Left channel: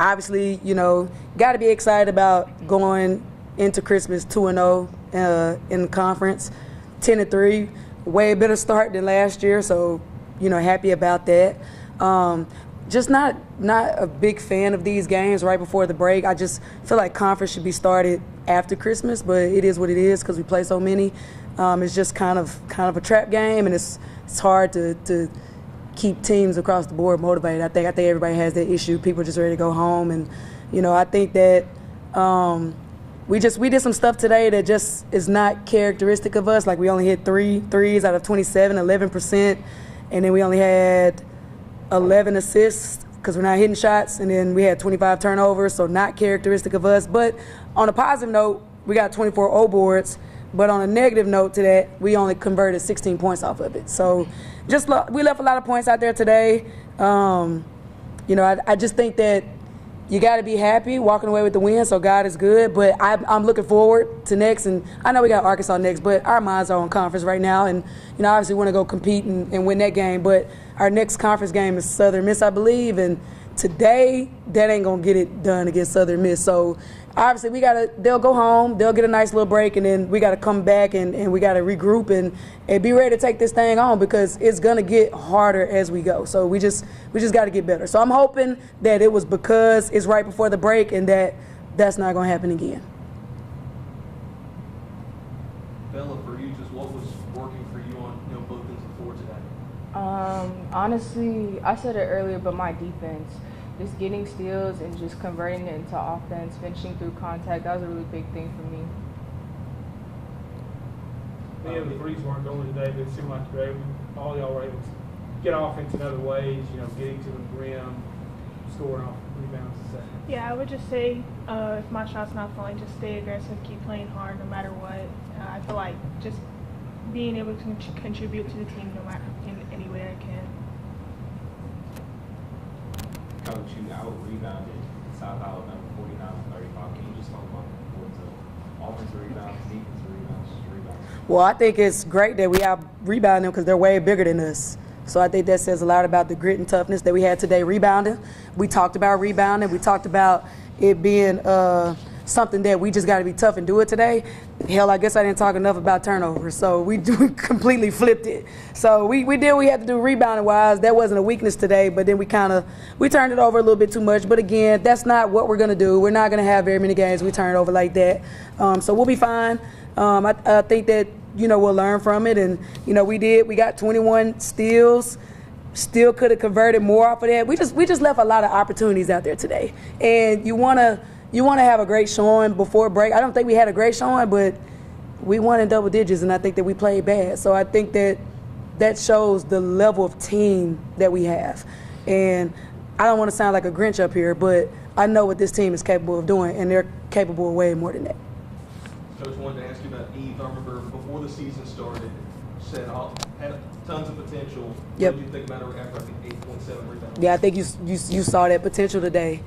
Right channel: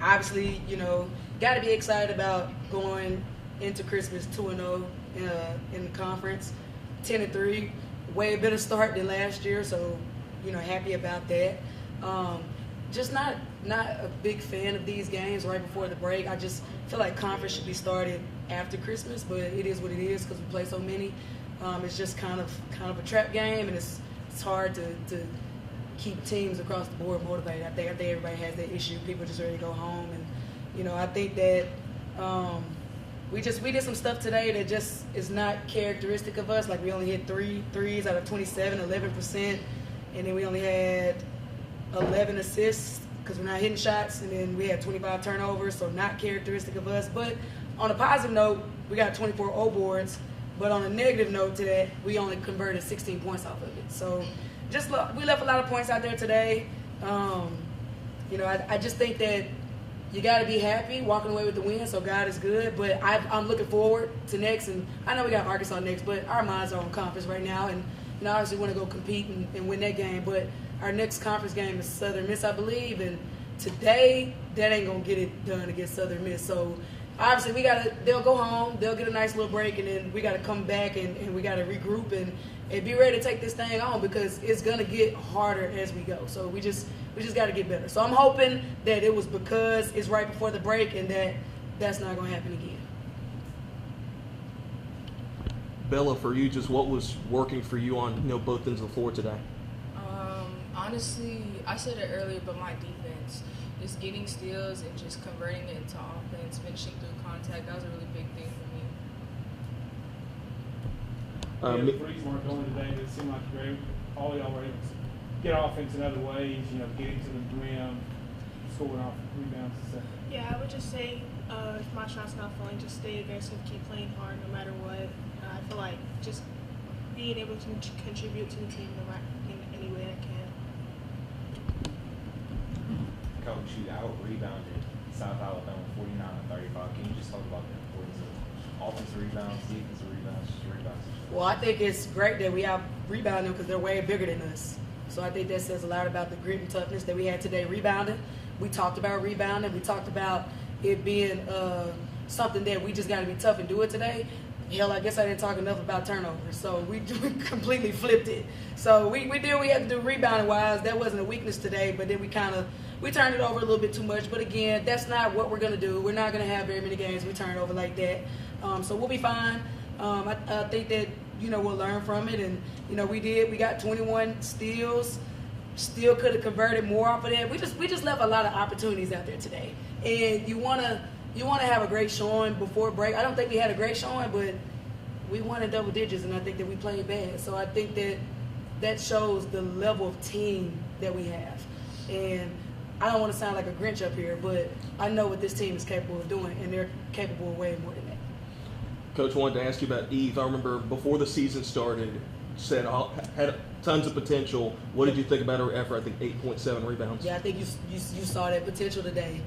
obviously, got to be excited about going into Christmas 2-0 in the conference, 10-3, way better start than last year. So, happy about that. Just not a big fan of these games right before the break. I just feel like conference should be started after Christmas, but it is what it is because we play so many. It's just kind of a trap game, and it's hard to keep teams across the board motivated. I think everybody has that issue. People just ready to go home, and I think that we did some stuff today that just is not characteristic of us. Like we only hit 3 threes out of 27, 11%, and then we only had 11 assists because we're not hitting shots, and then we had 25 turnovers, so not characteristic of us. But on a positive note, we got 24 O boards, but on a negative note to that, we only converted 16 points off of it. So we left a lot of points out there today. I just think that you got to be happy walking away with the win, so God is good. But I'm looking forward to next, and I know we got Arkansas next, but our minds are on conference right now, and obviously want to go compete and win that game. But our next conference game is Southern Miss, I believe, and today that ain't gonna get it done against Southern Miss. So obviously they'll go home, they'll get a nice little break, and then we gotta come back and we gotta regroup and be ready to take this thing on because it's gonna get harder as we go. So we just gotta get better. So I'm hoping that it was because it's right before the break and that's not gonna happen again. Bella, for you, just what was working for you on both ends of the floor today? Honestly, I said it earlier, but my defense, just getting steals and just converting it into offense, finishing through contact, that was a really big thing for me. The threes weren't going today, but it seemed like all y'all were able to get offense in other ways, getting to the rim, scoring off rebounds, etc. Yeah, I would just say if my shot's not falling, just stay aggressive, keep playing hard no matter what. I feel like just being able to contribute to the team no matter in any way I can. Coach, you out-rebounded South Alabama 49-35. Can you just talk about the importance of offensive rebounds, defensive rebounds, just rebounds? Well, I think it's great that we out-rebound them because they're way bigger than us. So I think that says a lot about the grit and toughness that we had today rebounding. We talked about rebounding. We talked about it being something that we just got to be tough and do it today. Hell, I guess I didn't talk enough about turnovers, so we completely flipped it. So we did what we had to do rebounding-wise. That wasn't a weakness today, but then we turned it over a little bit too much. But again, that's not what we're going to do. We're not going to have very many games we turn it over like that. So we'll be fine. I think that, we'll learn from it. And, we got 21 steals. Still could have converted more off of that. We just left a lot of opportunities out there today. And you want to have a great showing before break. I don't think we had a great showing, but we won in double digits, and I think that we played bad. So I think that shows the level of team that we have. And I don't want to sound like a Grinch up here, but I know what this team is capable of doing, and they're capable of way more than that. Coach, wanted to ask you about Eve. I remember before the season started, said had tons of potential. What did you think about her after, I think, 8.7 rebounds? Yeah, I think you saw that potential today.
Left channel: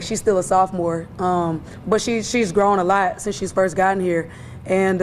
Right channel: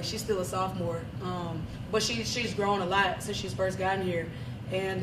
She's still a sophomore, but she's grown a lot since she's first gotten here. And,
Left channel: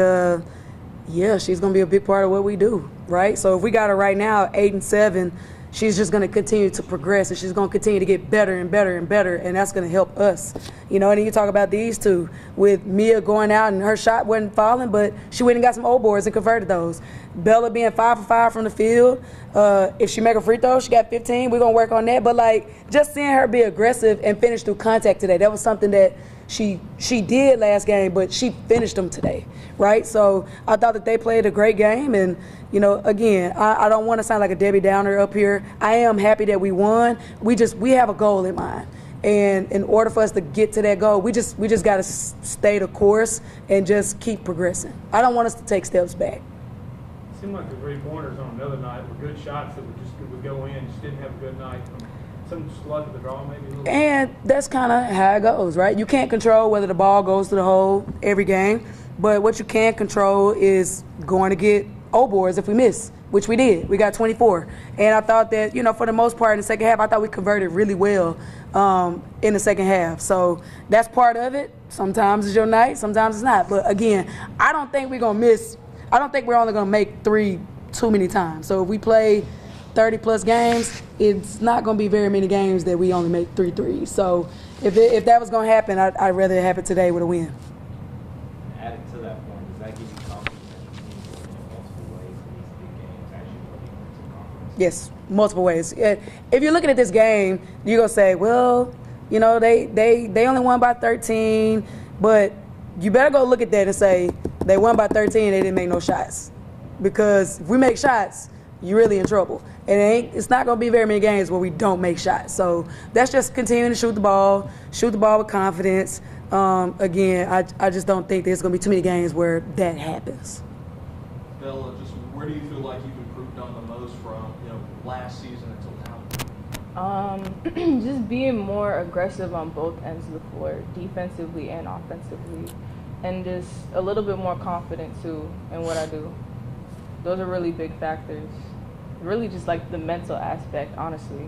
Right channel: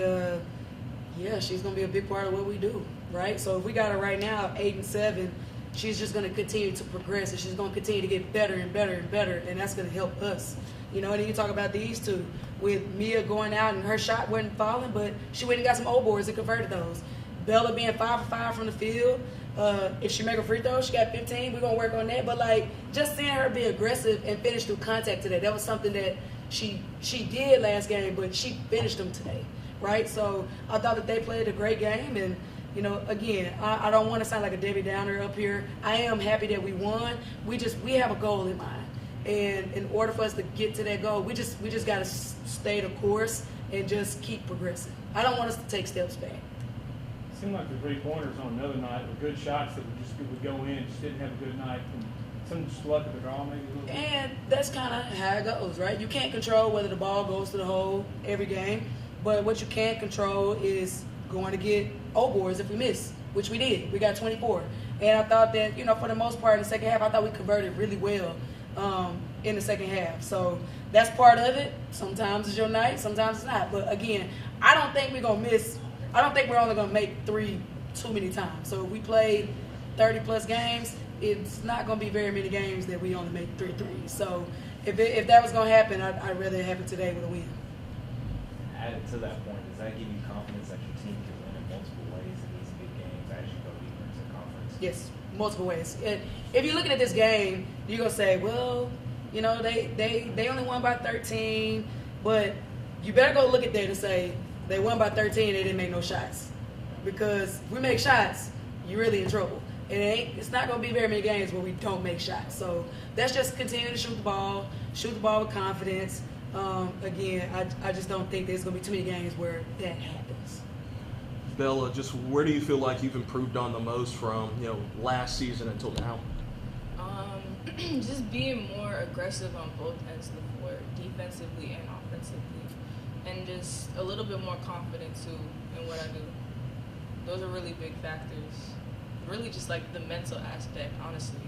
she's going to be a big part of what we do, right? So if we got her right now, 8-7, she's just going to continue to progress, and she's going to continue to get better and better and better, and that's going to help us. And then you talk about these two, with Mia going out and her shot wasn't falling, but she went and got some O boards and converted those. Bella being 5 for 5 from the field. If she make a free throw, she got 15. We're going to work on that. But, just seeing her be aggressive and finish through contact today, that was something that she did last game, but she finished them today, right? So I thought that they played a great game. And, again, I don't want to sound like a Debbie Downer up here. I am happy that we won. We have a goal in mind. And in order for us to get to that goal, we just got to stay the course and just keep progressing. I don't want us to take steps back. Seemed like the 3 pointers on another night were good shots that would go in. Just didn't have a good night. Some just luck at the draw, maybe. And that's kind of how it goes, right? You can't control whether the ball goes to the hole every game, but what you can control is going to get O boards if we miss, which we did. We got 24, and I thought that for the most part in the second half, I thought we converted really well in the second half. So that's part of it. Sometimes it's your night, sometimes it's not. But again, I don't think we're gonna miss. I don't think we're only going to make 3 too many times. So if we play 30-plus games, it's not going to be very many games that we only make 3 threes. So if that was going to happen, I'd rather it happen today with a win. Added to that point, does that give you confidence that your team can win in multiple ways in these big games as you go deeper into the conference? Yes, multiple ways. If you're looking at this game, you're going to say, well, you know, they only won by 13, but you better go look at that and say they won by 13, they didn't make no shots. Because if we make shots, you're really in trouble. And it's not going to be very many games where we don't make shots. So that's just continuing to shoot the ball with confidence. Again, I just don't think there's going to be too many games where that happens. Bella, just where do you feel like you've improved on the most from, you know, last season until now? Just being more aggressive on both ends of the floor, defensively and offensively, and just a little bit more confident too in what I do. Those are really big factors. Really just like the mental aspect, honestly.